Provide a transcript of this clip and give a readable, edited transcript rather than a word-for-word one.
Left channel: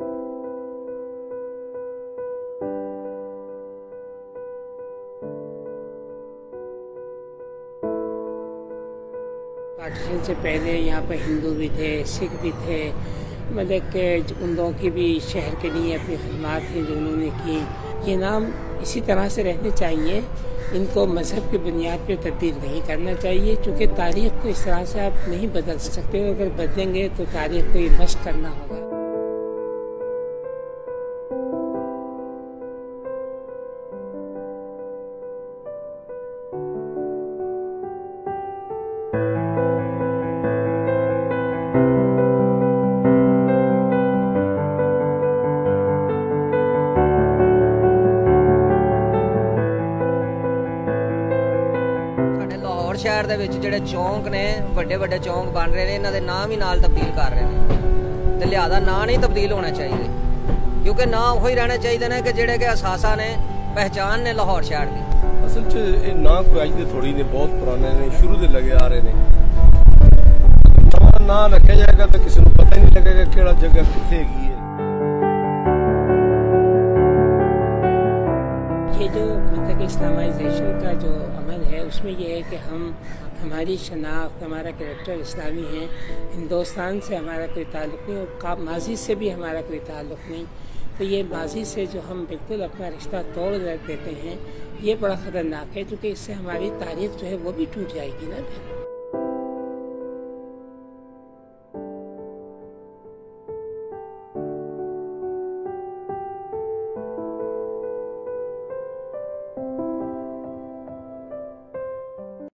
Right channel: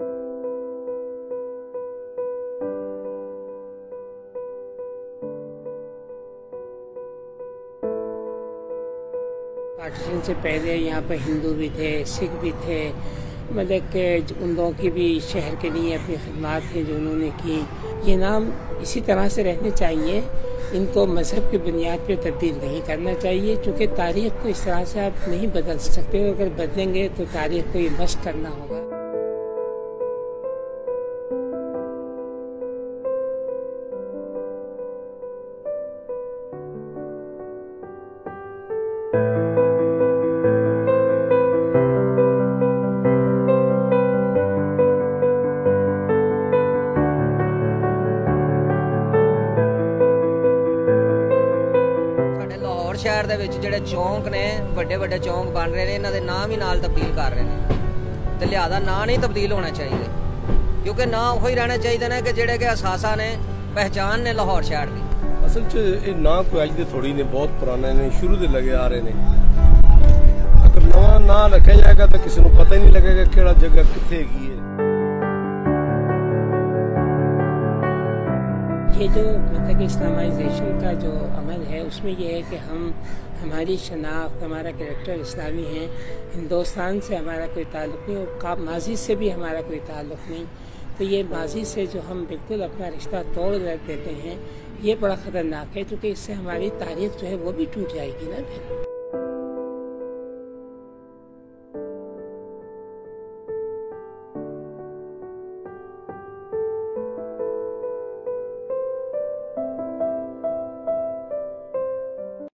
Partition से पहले यहाँ पर हिंदू भी थे, सिख भी थे, मतलब कि उन लोगों की भी शहर के लिए अपनी खिदमत हैं जो उन्होंने की। ये नाम इसी तरह से रहने चाहिए, इनको मजहब की बुनियाद पर तब्दील नहीं करना चाहिए, क्योंकि तारीख को इस तरह से आप नहीं बदल सकते। अगर बदलेंगे तो तारीख को ये मस्क करना होगा। लाहौर शहर दे विच जिहड़े चौंक ने वड्डे वड्डे चौंक बन रहे हैं, इन्हां दे नाम ही नाल तब्दील कर रहे हैं, तो लिहाजा ना नहीं तब्दील होना चाहिए, क्योंकि ना वही रहना चाहिए ना कि जिहड़े के असासा ने पहचान ने लाहौर शहर की। असल च ये ना कोई अज दे थोड़ी ने, बहुत पुराने ने, शुरू दे लगे आ रहे ने। अगर नवा ना रखा जाएगा तो किसी को पता ही नहीं लगेगा केड़ा जगह किथे हैगी है। ये जो मतलब इस्लामाइजेशन का जो अमल है उसमें ये है कि हमारी शनाख्त, हमारा कैरेक्टर इस्लामी है, हिंदुस्तान से हमारा कोई ताल्लुक़ नहीं और माजी से भी हमारा कोई ताल्लुक़ नहीं। तो ये माजी से जो हम बिल्कुल अपना रिश्ता तोड़ देते हैं, ये बड़ा ख़तरनाक है, क्योंकि इससे हमारी तारीख़ जो है वो भी टूट जाएगी ना फिर।